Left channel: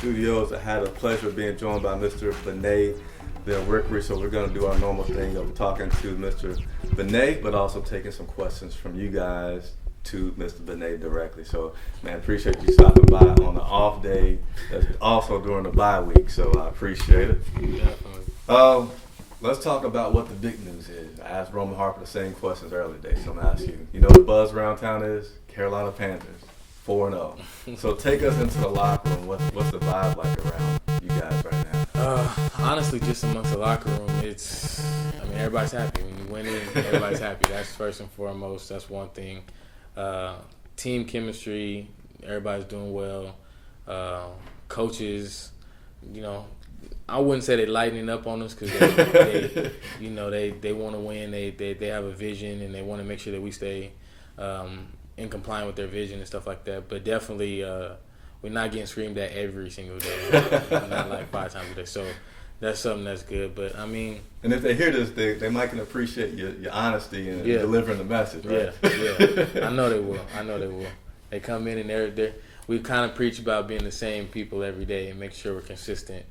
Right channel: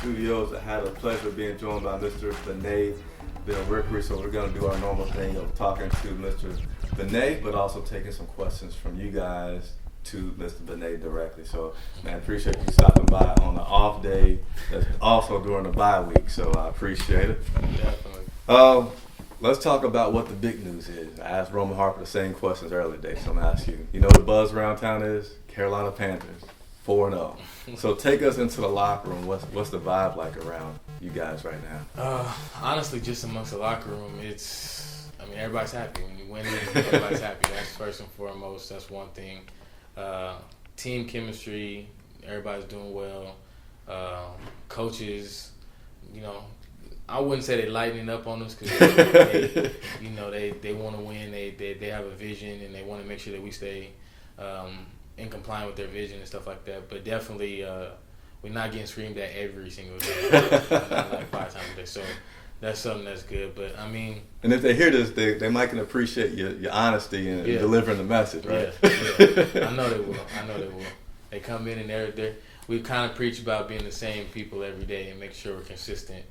studios. I had a pleasure of being joined by Mr. Bene, Benwikere. So we're going to do our normal thing of talking to Mr. Bene, but also taking some questions from you guys to Mr. Bene directly. So, man, appreciate you stopping by on the off day. That's also during the bye week. So I appreciate it. Definitely. Let's talk about what the big news is. I asked Roman Harper the same questions earlier today, so I'm going to ask you. You know what the buzz around town is? Carolina Panthers, 4-0. So take us into the locker room. What's the vibe like around you guys right now? Honestly, just amongst the locker room, everybody's happy. When you win it, everybody's happy. That's first and foremost. That's one thing. Team chemistry, everybody's doing well. Coaches, I wouldn't say they're lightening up on us because they want to win. They have a vision and they want to make sure that we stay in compliance with their vision and stuff like that. But definitely, we're not getting screamed at every single day, not like 5 times a day. So that's something that's good. But and if they hear this, they might can appreciate your honesty and delivering the message, right? Yeah. I know they will. They come in and we kind of preach about being the same people every day and make sure we're consistent.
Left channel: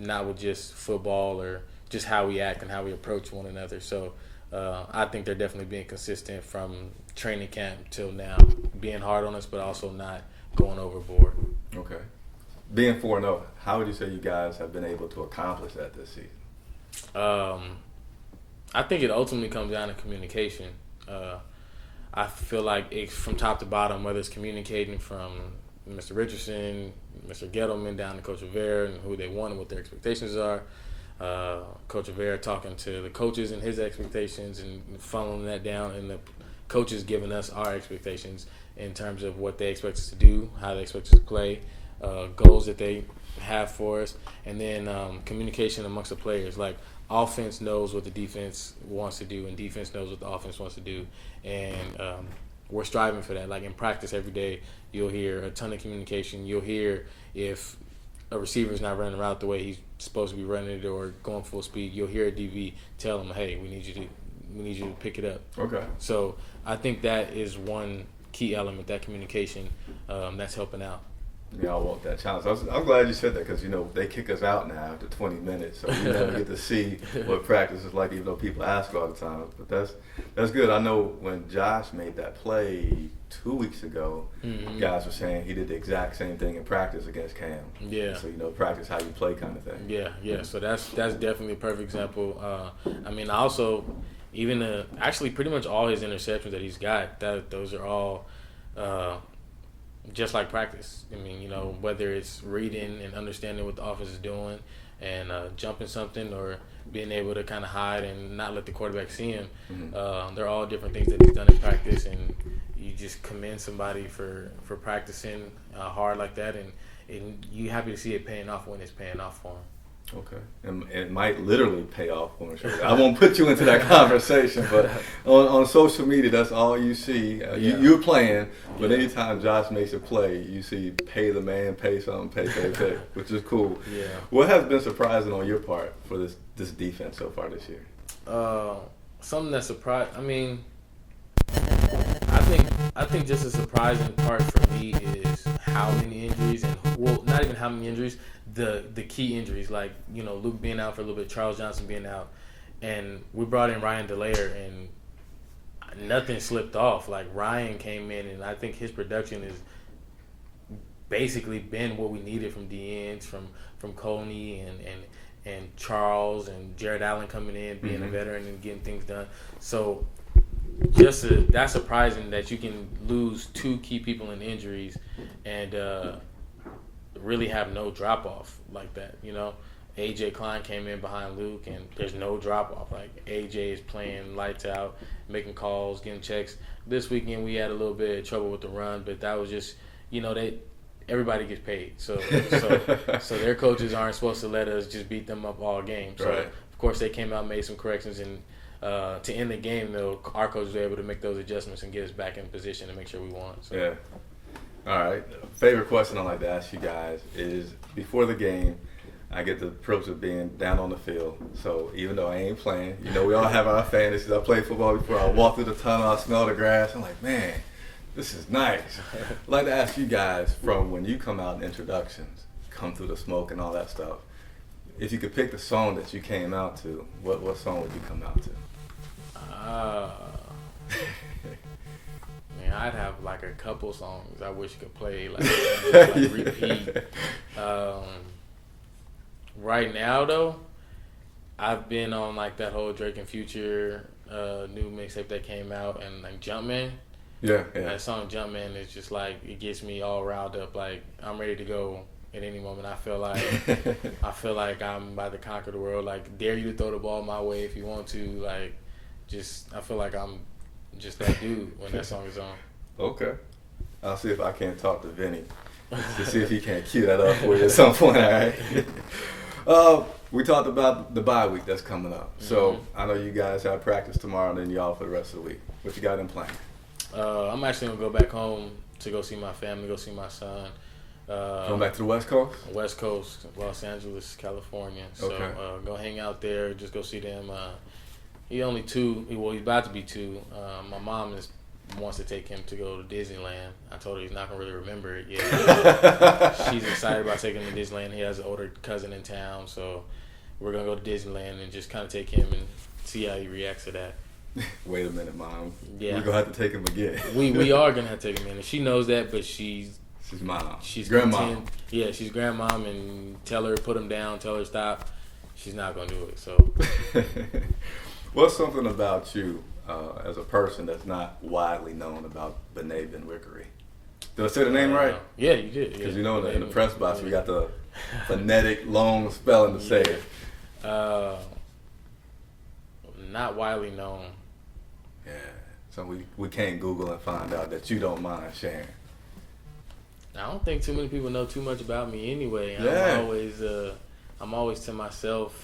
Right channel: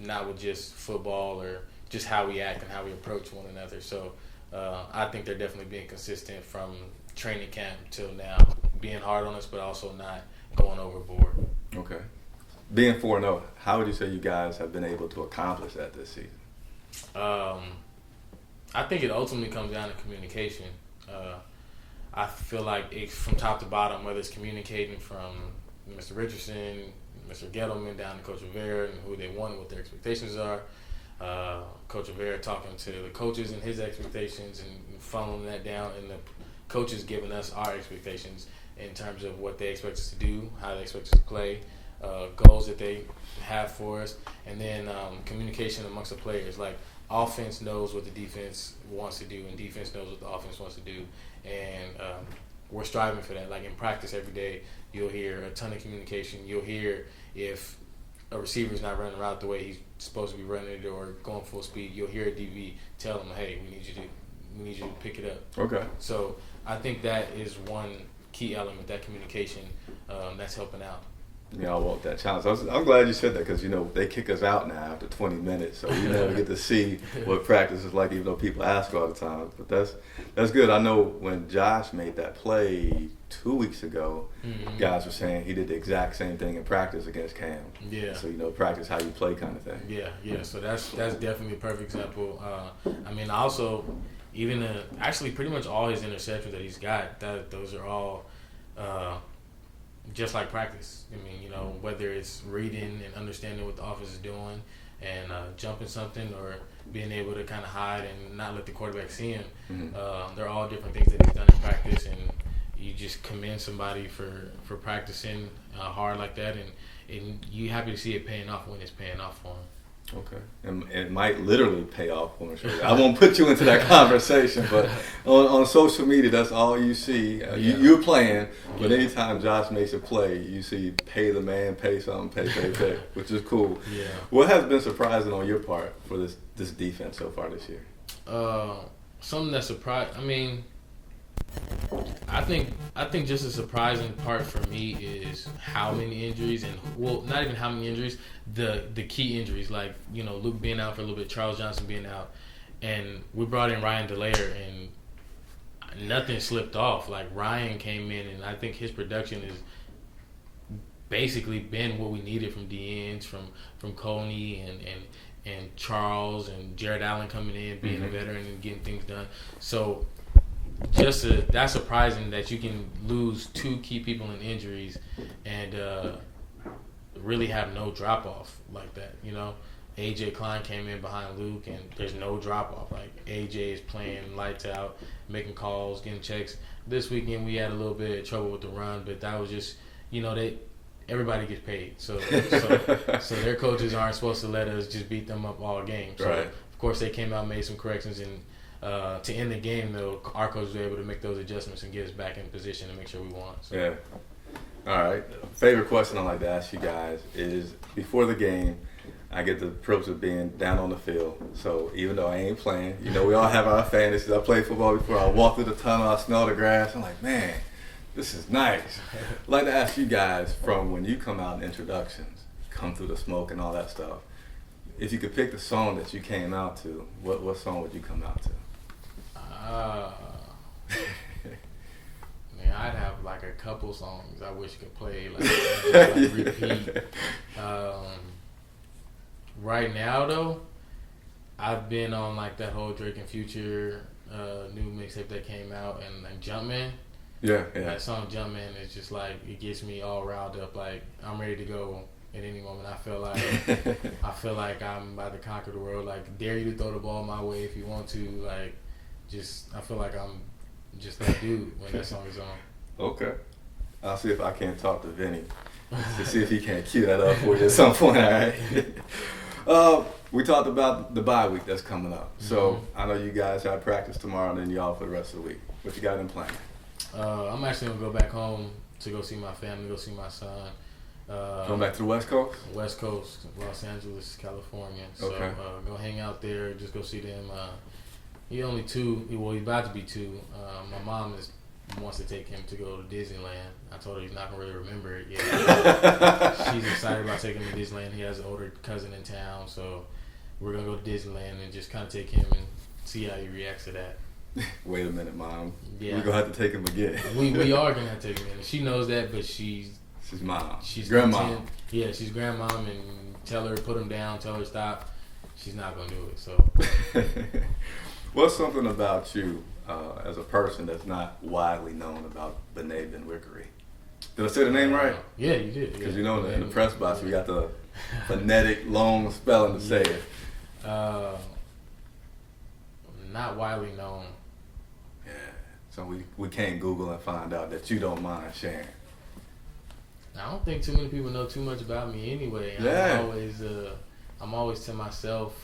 Not with just football or just how we act and how we approach one another. So I think they're definitely being consistent from training camp till now, being hard on us, but also not going overboard. Okay. Being 4-0, how would you say you guys have been able to accomplish that this season? I think it ultimately comes down to communication. I feel like it's from top to bottom, whether it's communicating from Mr. Richardson, Mr. Gettleman down to Coach Rivera and who they want and what their expectations are. Coach Rivera talking to the coaches and his expectations and funneling that down, and the coaches giving us our expectations in terms of what they expect us to do, how they expect us to play, goals that they have for us, and then communication amongst the players. Like, offense knows what the defense wants to do, and defense knows what the offense wants to do, and we're striving for that. Like in practice every day, you'll hear a ton of communication. You'll hear if a receiver's not running the route the way he's supposed to be running it or going full speed. You'll hear a DB tell him, "Hey, we need you to pick it up." Okay. So I think that is one key element, that communication, that's helping out. Yeah, I want that challenge. I'm glad you said that because, they kick us out now after 20 minutes. So we never get to see what practice is like, even though people ask all the time. But that's good. I know when Josh made that play 2 weeks ago, guys were saying he did the exact same thing in practice against Cam. Yeah. So, practice how you play kind of thing. Yeah. So that's definitely a perfect example. Also, even actually pretty much all his interceptions that he's got, those are all just like practice. Whether it's reading and understanding what the offense is doing and jumping something or being able to kind of hide and not let the quarterback see him. They're all different things that he's done in practice, and you just commend somebody for practicing hard like that, and you're happy to see it paying off when it's paying off for him. Okay. And it might literally pay off for him. I won't put you into that conversation, but on social media, that's all you see. You're playing, but anytime Josh makes a play, you see pay the man, pay something, pay, which is cool. Yeah. What has been surprising on your part for this defense so far this year? Something that surprised. I think just a surprising part for me is how many injuries, and not even how many injuries, the key injuries, like Luke being out for a little bit, Charles Johnson being out, and we brought in Ryan Delaire and nothing slipped off. Like, Ryan came in and I think his production has basically been what we needed from DNs, from Coney and Charles and Jared Allen coming in, being a veteran and getting things done. So that's surprising that you can lose 2 key people in injuries and really have no drop off like that. AJ Klein came in behind Luke and there's no drop off. Like, AJ is playing lights out, making calls, getting checks. This weekend we had a little bit of trouble with the run, but that was just everybody gets paid. So their coaches aren't supposed to let us just beat them up all game. So right. Of course they came out and made some corrections, and to end the game, though, our coaches were able to make those adjustments and get us back in position to make sure we won. So. Yeah. All right. Favorite question I like to ask you guys is, before the game, I get the privilege of being down on the field. So even though I ain't playing, we all have our fantasies. I played football before. I walk through the tunnel, I smell the grass. I'm like, man, This is nice. I'd like to ask you guys, from when you come out in introductions, come through the smoke and all that stuff, if you could pick the song that you came out to, what song would you come out to? Man, I'd have like a couple songs I wish could play like repeat. Right now though, I've been on like that whole Drake and Future new mixtape that came out, and like Jumpman. Yeah. That song Jumpman is just like, it gets me all riled up. Like I'm ready to go at any moment. I feel like I'm about to conquer the world. Like, dare you to throw the ball my way if you want to. Like, I feel like I'm just that dude when that song is on. Okay. I'll see if I can't talk to Vinny to see if he can't cue that up for you at some point. All right. We talked about the bye week that's coming up. So I know you guys have practice tomorrow, and then y'all for the rest of the week. What you got in plan? I'm actually gonna go back home to go see my family, go see my son. Going back to the West Coast? West Coast, Los Angeles, California. So Okay. Go hang out there, just go see them. He's only 2. He's about to be 2. My mom wants to take him to go to Disneyland. I told her he's not gonna really remember it yet. She's excited about taking him to Disneyland. He has an older cousin in town, so we're gonna go to Disneyland and just kind of take him and see how he reacts to that. Wait a minute, Mom. Yeah. We're going to have to take him again. we are gonna have to take him in, and she knows that, but she's Mom. She's grandma. Yeah, she's grandmom, and tell her, put him down, tell her stop. She's not gonna do it. So, what's something about you as a person that's not widely known about Bene Benwikere? Did I say the name right? Yeah, you did. Because you know in the press box we got the phonetic long spelling to say it. Not widely known. Yeah. So we can't Google and find out that you don't mind sharing. I don't think too many people know too much about me anyway. Yeah. I'm always to myself,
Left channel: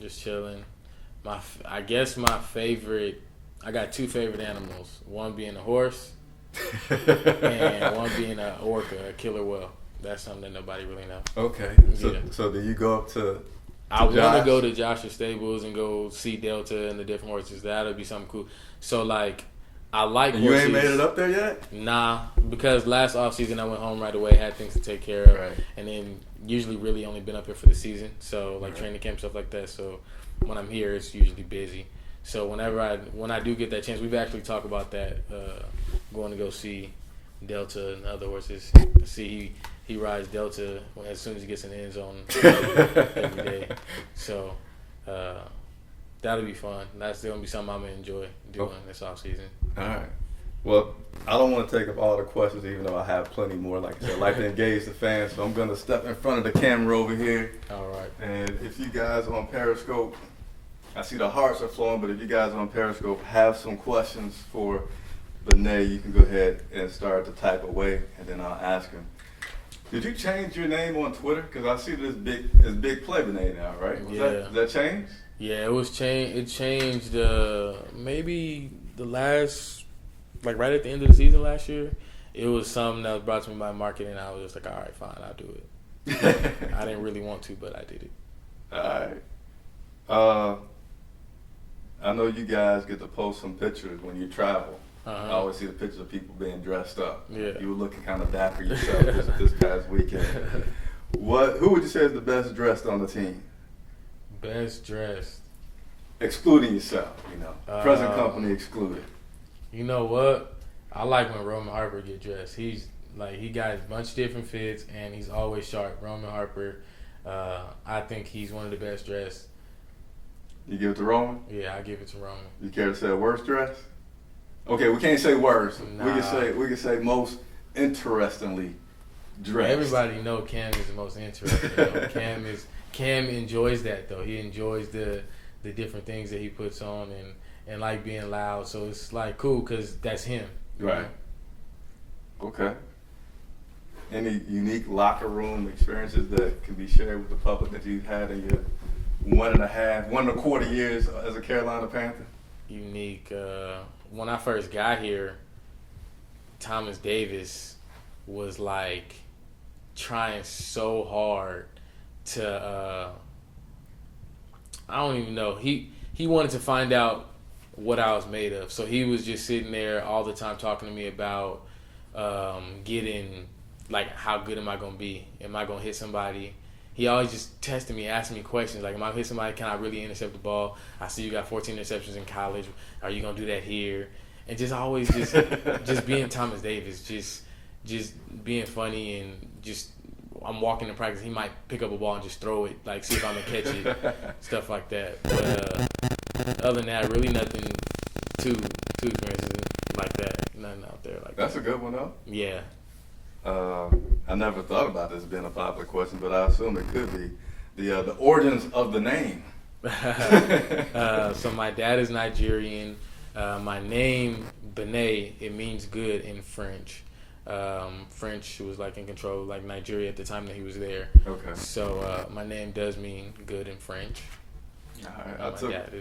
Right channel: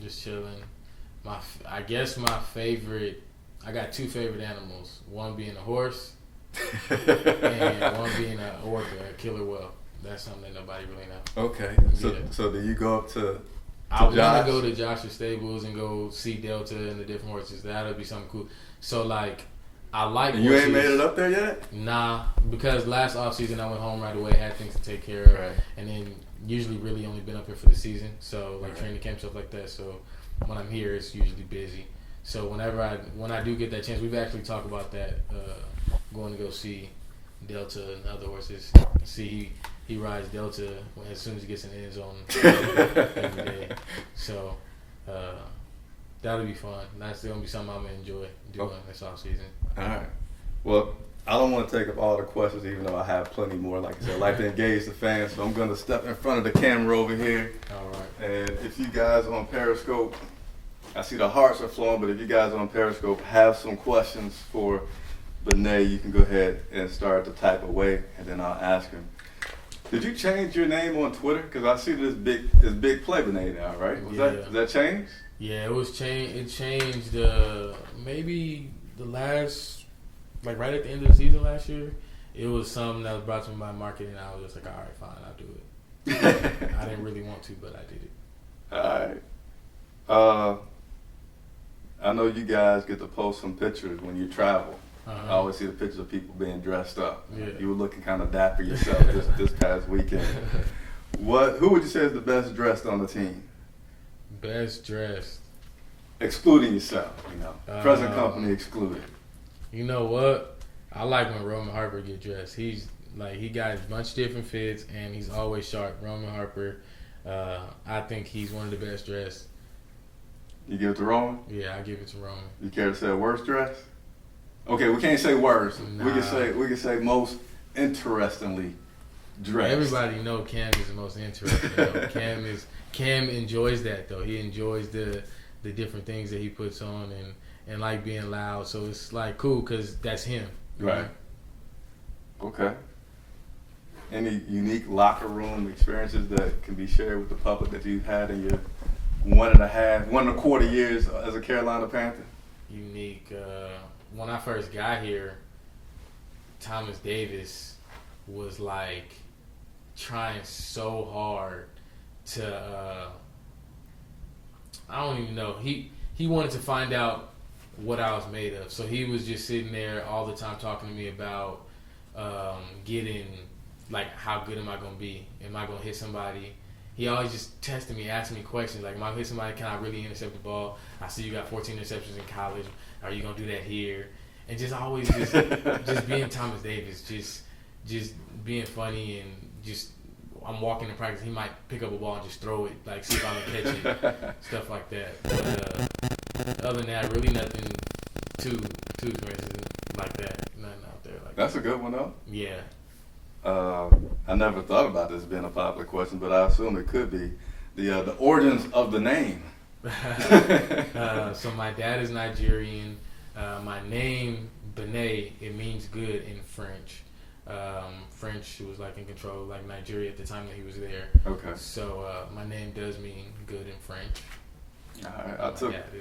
just chilling. I guess my favorite. I got 2 favorite animals. One being a horse, and one being a orca, a killer whale. That's something that nobody really knows. Okay. So do you go up to I want to go to Josh's stables and go see Delta and the different horses. That'll be something cool. So like, I like. And you ain't made it up there yet? Nah, because last offseason I went home right away, had things to take care of, Right. and then usually really only been up here for the season. So like training camp, stuff like that. So when I'm here, it's usually busy. So when I do get that chance, we've actually talked about that, going to go see Delta and other horses. See, he rides Delta as soon as he gets in the end zone every day. So that'll be fun. That's going to be something I'm going to enjoy doing this off season. All right. Well, I don't want to take up all the questions, even though I have plenty more. Like I said, I like to engage the fans, so I'm going to step in front of the camera over here. All right. And if you guys on Periscope, I see the hearts are flowing, but if you guys on Periscope have some questions for Bene, you can go ahead and start to type away, and then I'll ask him. Did you change your name on Twitter? Because I see this big play Bene now, right? Did that change? Yeah, it was changed. It changed maybe the last, like right at the end of the season last year. It was something that was brought to me by marketing. I was just like, all right, fine, I'll do it. I didn't really want to, but I did it. All right. I know you guys get to post some pictures when you travel. I always see the pictures of people being dressed up. Yeah. You were looking kind of dapper yourself this past weekend. Who would you say is the best dressed on the team? Best dressed. Excluding yourself, present company excluded. You know what? I like when Roman Harper get dressed. He's like, he got a bunch of different fits and he's always sharp. Roman Harper, I think he's one of the best dressed. You give it to Roman? Yeah, I give it to Roman. You care to say worst dressed? Okay, we can't say worst. Nah. We can say most interestingly dressed. Everybody know Cam is the most interesting. Cam enjoys that though. He enjoys the different things that he puts on and like being loud. So it's like cool because that's him. Right. Okay. Any unique locker room experiences that can be shared with the public that you've had in your 1.25 years as a Carolina Panther? Unique. When I first got here, Thomas Davis was like trying so hard to I don't even know. He wanted to find out what I was made of. So he was just sitting there all the time talking to me about getting, like, how good am I going to be? Am I going to hit somebody? He always just tested me, asking me questions. Like, am I going to hit somebody? Can I really intercept the ball? I see you got 14 interceptions in college. Are you going to do that here? And just always just being Thomas Davis, just being funny and just I'm walking in practice. He might pick up a ball and just throw it, like see if I'm going to catch it, stuff like that. But other than that, really nothing too expensive like that. Nothing out there like That's a good one, though. Yeah. I never thought about this being a popular question, but I assume it could be the origins of the name. So my dad is Nigerian. My name, Bene, it means good in French. French was like in control of like Nigeria at the time that he was there. Okay. So my name does mean good in French. All right.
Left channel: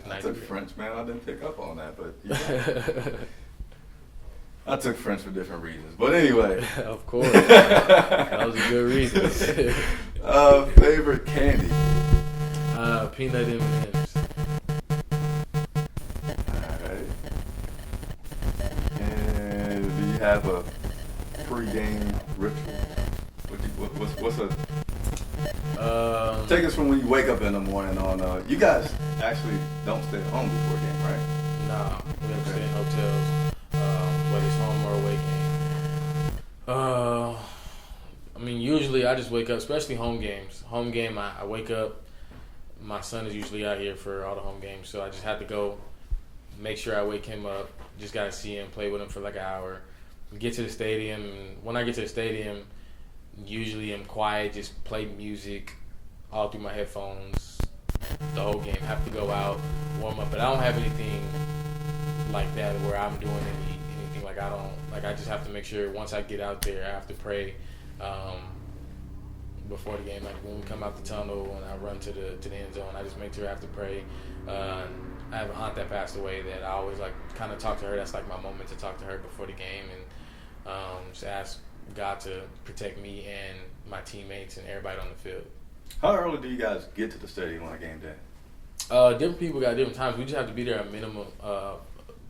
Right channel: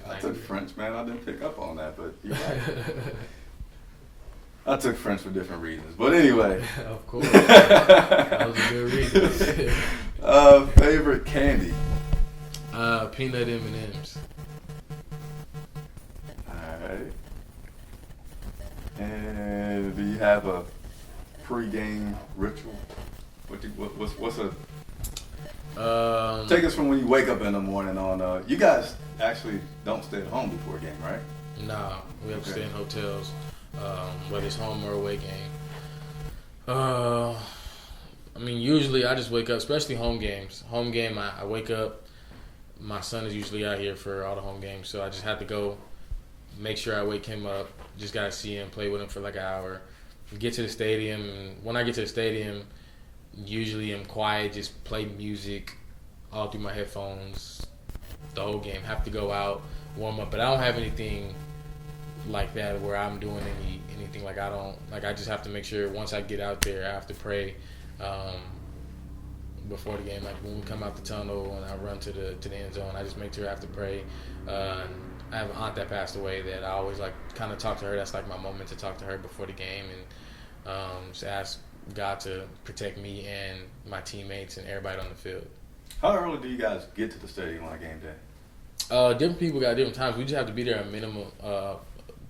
I took French, man. I didn't pick up on that, but you're right. I took French for different reasons. But anyway. Of course. That was a good reason. Favorite candy? Peanut M&Ms. Alright. And do you have a pregame ritual? What's a... take us from when you wake up in the morning on... you guys actually don't stay at home before a game, right? Nah, we have to stay in hotels. Whether it's home or away game. I mean, usually I just wake up, especially home games. Home game, I wake up. My son is usually out here for all the home games, so I just have to go make sure I wake him up. Just got to see him, play with him for like an hour. Get to the stadium, and when I get to the stadium, usually I'm quiet, just play music all through my headphones the whole game. Have to go out, warm up, but I don't have anything like that where I'm doing anything like I just have to make sure once I get out there I have to pray before the game, like when we come out the tunnel and I run to the end zone, I just make sure I have to pray. I have an aunt that passed away that I always like kind of talk to her. That's like my moment to talk to her before the game and just ask God to protect me and my teammates and everybody on the field. How early do you guys get to the stadium on game day? Different people got different times. We just have to be there a minimum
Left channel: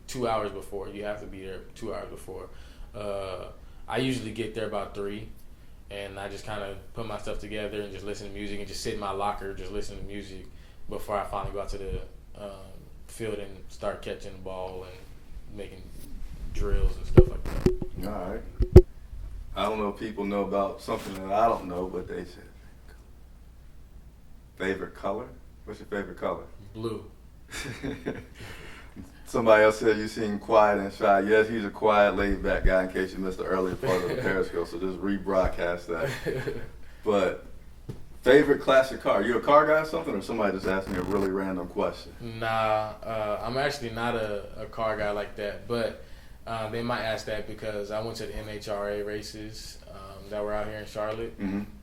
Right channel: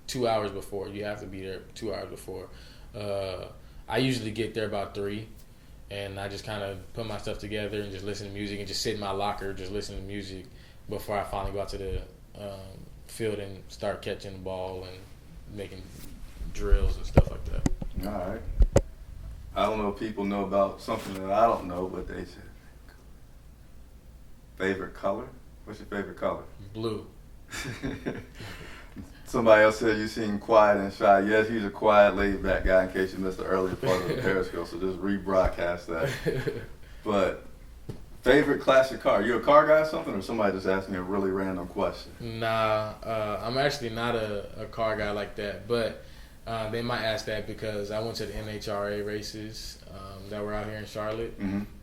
2 hours before. You have to be there 2 hours before. I usually get there about 3, and I just kind of put my stuff together and just listen to music and just sit in my locker, just listen to music before I finally go out to the field and start catching the ball and making drills and stuff like that. All right. I don't know if people know about something that I don't know, but they said favorite color. What's your favorite color? Blue. Somebody else said you seem quiet and shy. Yes, he's a quiet, laid-back guy in case you missed the earlier part of the Periscope, so just rebroadcast that. But favorite classic car? Are you a car guy or something, or somebody just asked me a really random question? Nah, I'm actually not a car guy like that, but they might ask that because I went to the NHRA races that were out here in Charlotte,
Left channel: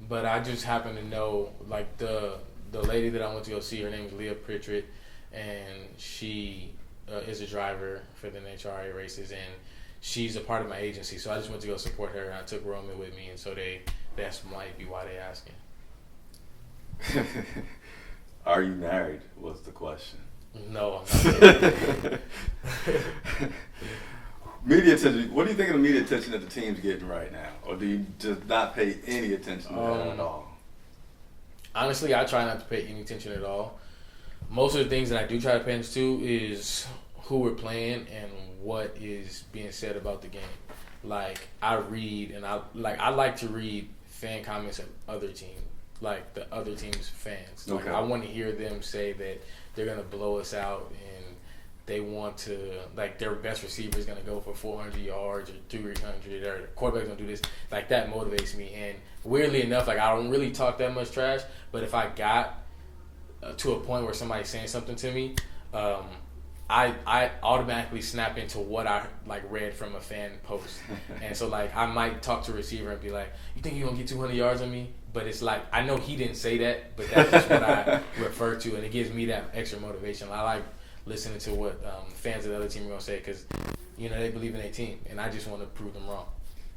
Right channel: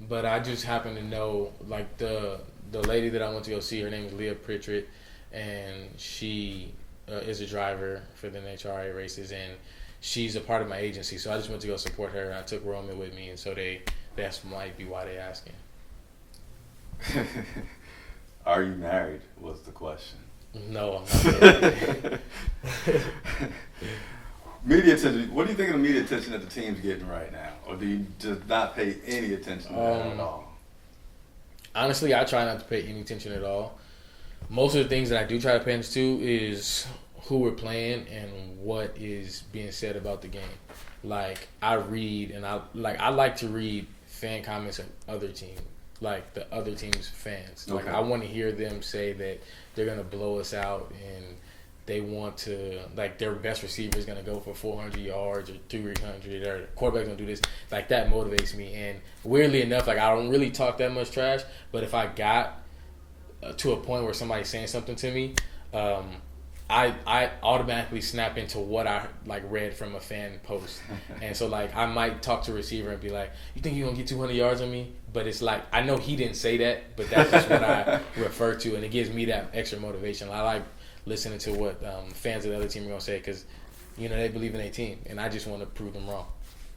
but I just happen to know, like, the lady that I went to go see, her name is Leah Pritchett, and she is a driver for the NHRA races, and she's a part of my agency, so I just went to go support her, and I took Roman with me, and so that's might be why they asking. Are you married was the question. No, I'm not married. Media attention. What do you think of the media attention that the team's getting right now? Or do you just not pay any attention to that at all? Honestly, I try not to pay any attention at all. Most of the things that I do try to pay attention to is who we're playing and what is being said about the game. Like, I read, and I like to read fan comments of other teams, like the other team's fans. Like, I want to hear them say that they're going to blow us out and they want to, like, their best receiver is going to go for 400 yards or 300, or the quarterback's going to do this. Like, that motivates me. And weirdly enough, like, I don't really talk that much trash, but if I got to a point where somebody's saying something to me, I automatically snap into what I like read from a fan post. And so, like, I might talk to a receiver and be like, you think you're going to get 200 yards on me? But it's like, I know he didn't say that, but that's just what I refer to, and it gives me that extra motivation. I like listening to what fans of the other team are going to say because, you know, they believe in their team, and I just want to prove them wrong.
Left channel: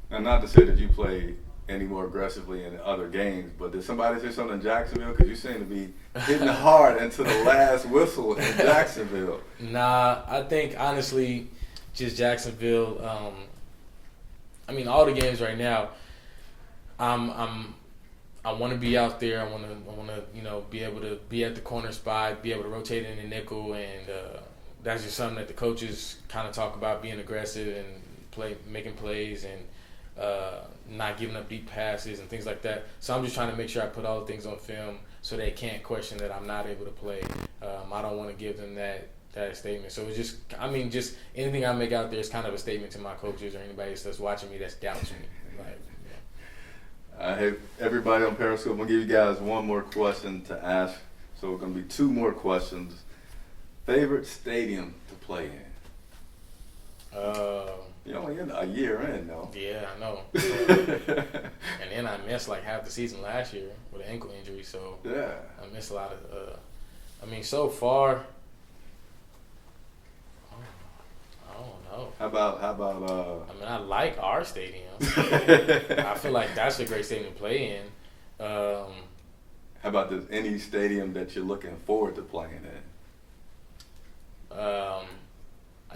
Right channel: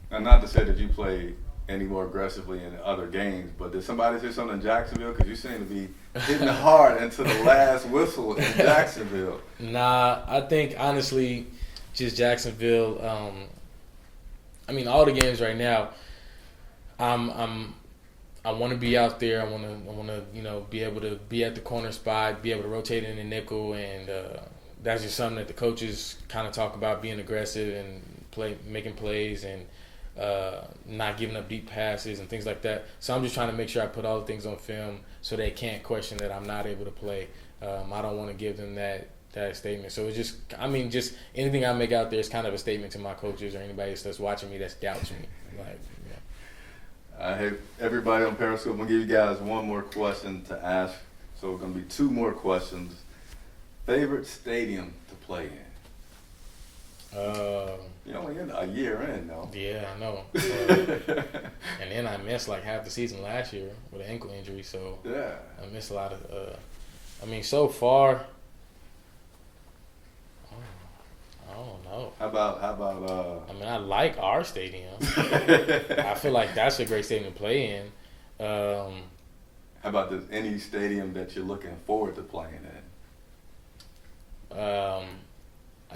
And not to say that you play any more aggressively in other games. But did somebody say something in Jacksonville? Because you seem to be hitting hard into the last whistle in Jacksonville. Nah, I think honestly, just Jacksonville. I mean, all the games right now. I want to be out there. I want to, be able to be at the corner spot, be able to rotate in the nickel, and that's just something that the coaches kind of talk about: being aggressive and making plays, and not giving up deep passes and things like that. So I'm just trying to make sure I put all the things on film so they can't question that I'm not able to play. I don't want to give them that statement. So it's just anything I make out there is kind of a statement to my coaches or anybody that's watching me that's doubts me. Like, Hey, everybody on Periscope, I'm going to give you guys one more question to ask. So it's going to be two more questions. Favorite stadium to play in? You're only in a year in, though. Yeah, I know. And then I missed like half the season last year with an ankle injury. So yeah, I missed a lot of so far, I don't know. How about I like our stadium. I feel like that's a great stadium to play in. How about any stadium that you're looking forward to playing in?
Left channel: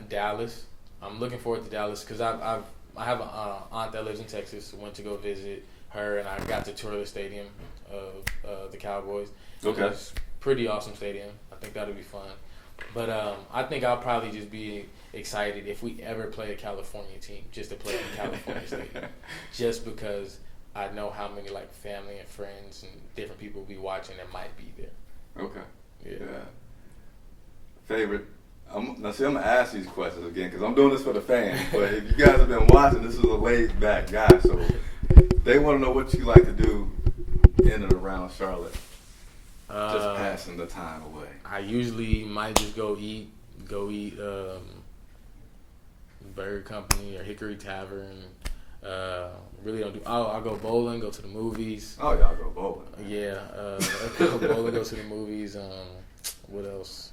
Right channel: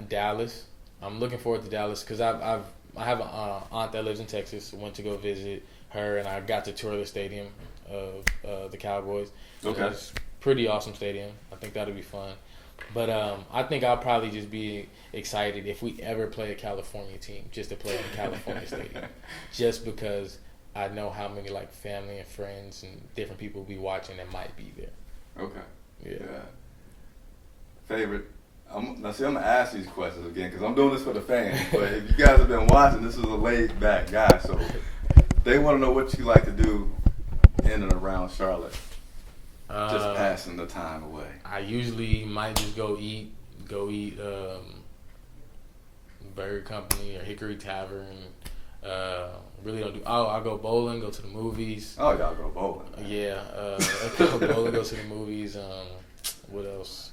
Dallas. I'm looking forward to Dallas because I have an aunt that lives in Texas. Went to go visit her, and I got to tour the stadium of the Cowboys. Okay. It's pretty awesome stadium. I think that'll be fun. But I think I'll probably just be excited if we ever play a California team, just to play in California stadium, just because I know how many like family and friends and different people will be watching that might be there. Okay. Yeah. Favorite. I'm gonna ask these questions again because I'm doing this for the fans. But if you guys have been watching, this is a laid back guy, so they want to know what you like to do in and around Charlotte. Just passing the time away. I usually might just go eat Burger Company or Hickory Tavern. Really don't do. I'll go bowling, go to the movies. Oh, y'all go bowling. Yeah, go bowling, go to the movies. What else?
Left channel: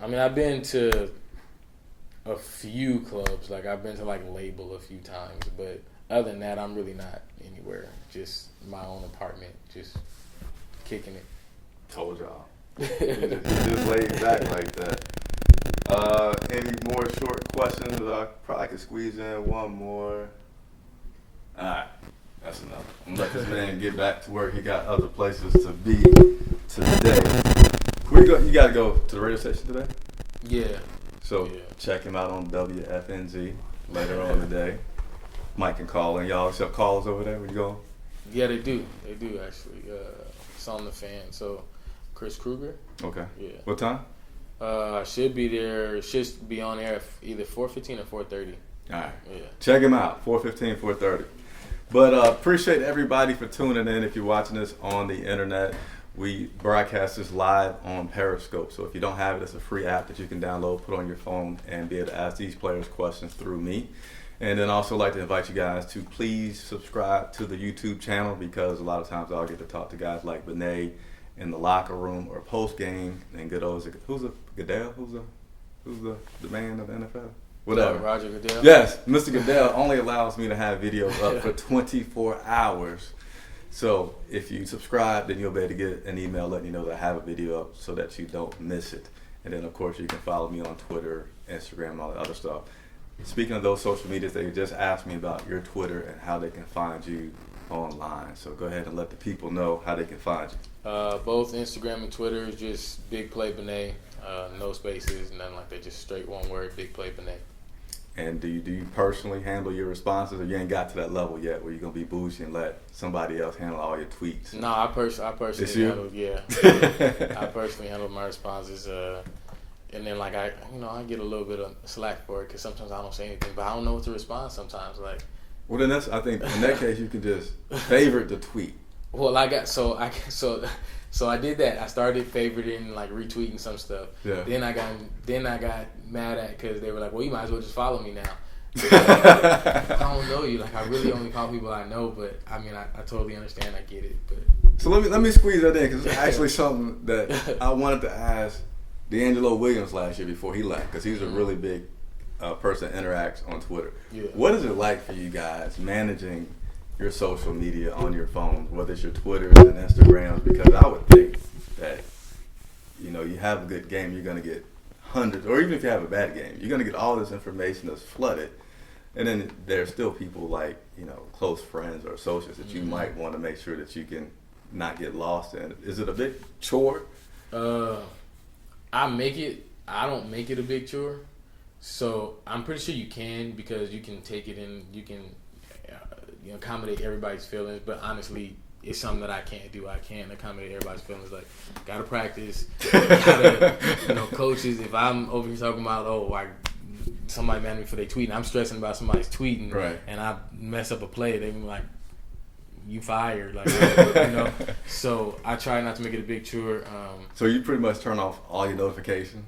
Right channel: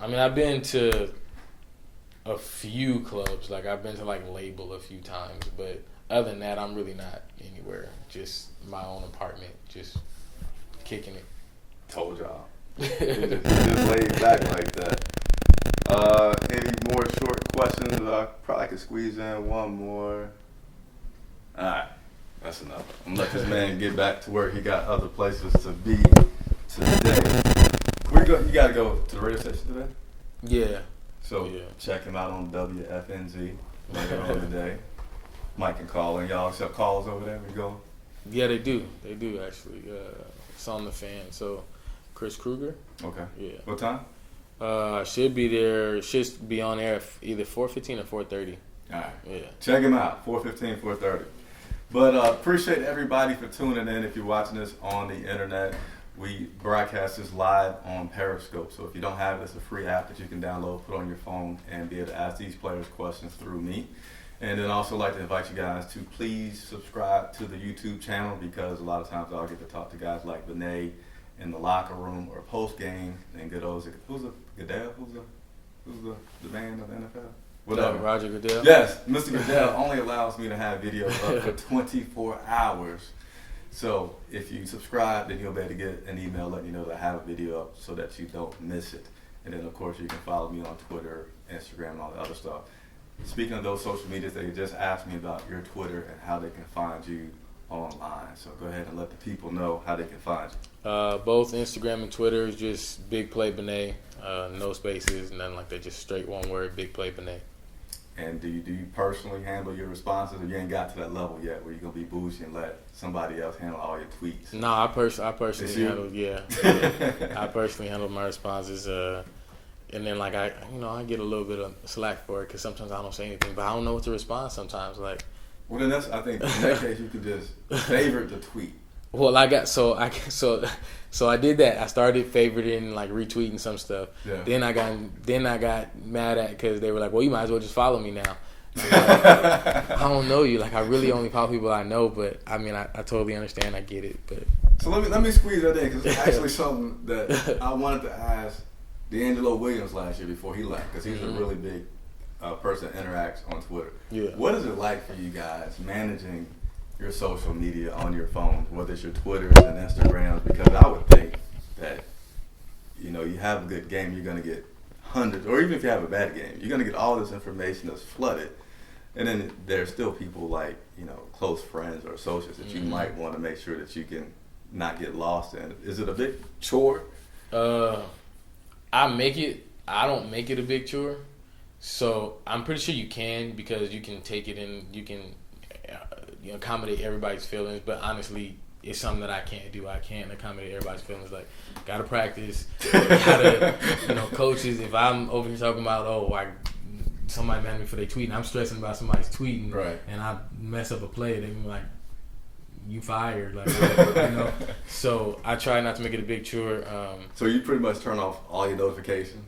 I've been to a few clubs. Like I've been to like Label a few times, but other than that, I'm really not anywhere. Just my own apartment, just kicking it. Told y'all. just laid back like that. Any more short questions? I probably could squeeze in one more. All right, that's enough. I'm gonna let this man get back to where he got other places to be today. Where you go? You gotta go to the radio station today. Yeah. So check him out on WFNZ later on today. Mike can call in. Y'all accept calls over there when you go? Yeah, they do. They do actually. It's on the fan. So Chris Kruger. Okay. Yeah. What time? I should be there. Should be on air either 4:15 or 4:30. All right. Yeah. Check him out. 4:15, 4:30. But appreciate everybody for tuning in. If you're watching this on the internet, we broadcast this live on Periscope. So if you don't have it, it's a free app that you can download, put on your phone, and be able to ask these players questions through me. And then also like to invite you guys to please subscribe to the YouTube channel because a lot of times I'll get to talk to guys like Bene in the locker room or post game and good old who's a Goodell? Who's the man of the NFL? Whatever. Roger Goodell? Yes, Mr. Goodell only allows me to have videos up for 24 hours. So if you subscribe, then you'll be able to get an email letting you know that I have a video up so that you don't miss it. And then, of course, you can follow me on Twitter, Instagram, and all that other stuff. Speaking of those social medias, they just asked me about your Twitter and how they can find you online. So go ahead and let the people know how they can find you. Both Instagram and Twitter is just Big Play Bene. No spaces, nothing like that. Just straight one word, Big Play Bene. And do you personally handle your responses, or you ain't got to that level yet where you're gonna be bougie and let somebody else handle all your tweets? No, I personally handle. Yeah, I personally handle my responses. And then like I get a little bit of slack for it because sometimes I don't say anything, but I don't know what to respond sometimes. Like, well, then I think in that case you can just favorite the tweet. Well, I did that. I started favoriting, like retweeting some stuff. Yeah. Then I got mad at because they were like, "Well, you might as well just follow me now." I don't know you. Like I really only follow people I know, but I mean, I totally understand. I get it, but so let me squeeze that in because it's actually something that I wanted to ask D'Angelo Williams last year before he left because he's a really big person that interacts on Twitter. Yeah. What is it like for you guys managing your social media on your phone, whether it's your Twitters and Instagrams, because I would think that, you know, you have a good game, you're going to get hundreds, or even if you have a bad game, you're going to get all this information that's flooded. And then there's still people like, you know, close friends or associates that you might want to make sure that you can not get lost in. Is it a big chore? I don't make it a big chore. So I'm pretty sure you can, because you can take it and you can accommodate everybody's feelings. But honestly, it's something that I can't do. I can't accommodate everybody's feelings. Like, gotta practice. Gotta, coaches. If I'm over here talking about, somebody mad at me for their tweeting, I'm stressing about somebody's tweeting, right, and I mess up a play, they be like, "You fired," like, So I try not to make it a big chore. So you pretty much turn off all your notifications?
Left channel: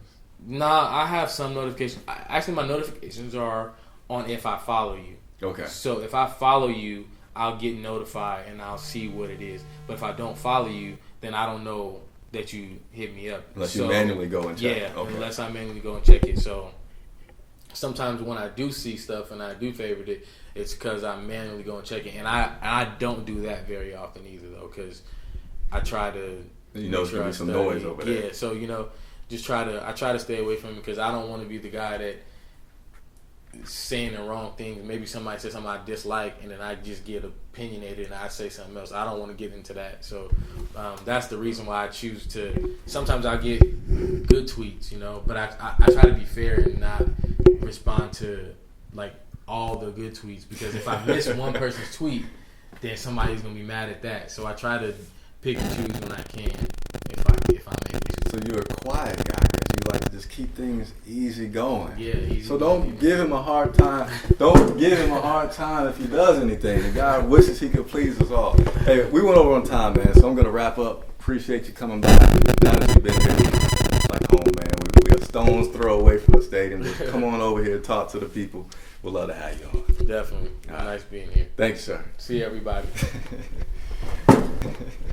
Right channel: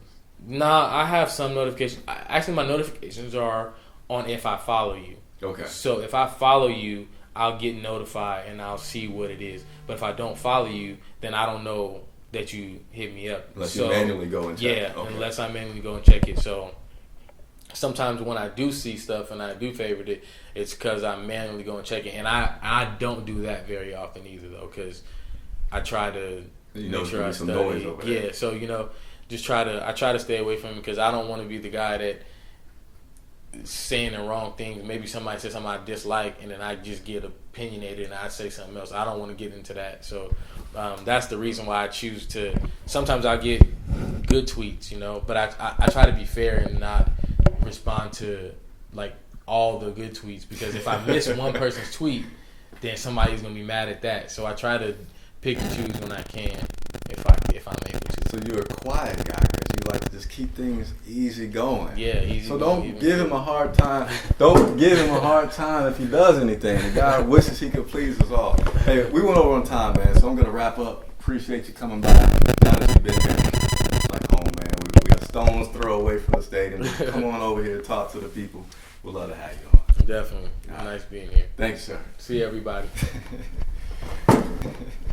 Nah, I have some notifications. Actually, my notifications are on if I follow you. Okay. So if I follow you, I'll get notified and I'll see what it is. But if I don't follow you, then I don't know that you hit me up. Unless you manually go and check it. Yeah, unless I manually go and check it. So sometimes when I do see stuff and I do favorite it, it's because I manually go and check it. And I don't do that very often either, though, because I try to make sure I study. Some noise over there. Yeah, so, I try to stay away from it, because I don't want to be the guy that saying the wrong things. Maybe somebody says something I dislike, and then I just get opinionated and I say something else. I don't want to get into that. So that's the reason why I choose to. Sometimes I get good tweets, but I try to be fair and not respond to like all the good tweets, because if I miss one person's tweet, then somebody's gonna be mad at that. So I try to pick and choose when I can, if I'm able to. So you're a quiet guy because you like to just keep things easy going. Yeah, easy. So don't give him a hard time. Don't give him a hard time if he does anything. The guy wishes he could please us all. Hey, we went over on time, man. So I'm gonna wrap up. Appreciate you coming by. Now that you've been here, like home, man. We a stone's throw away from the stadium. Just come on over here, talk to the people. We'd love to have you on. Definitely. Nice being here. Thanks, sir. See everybody.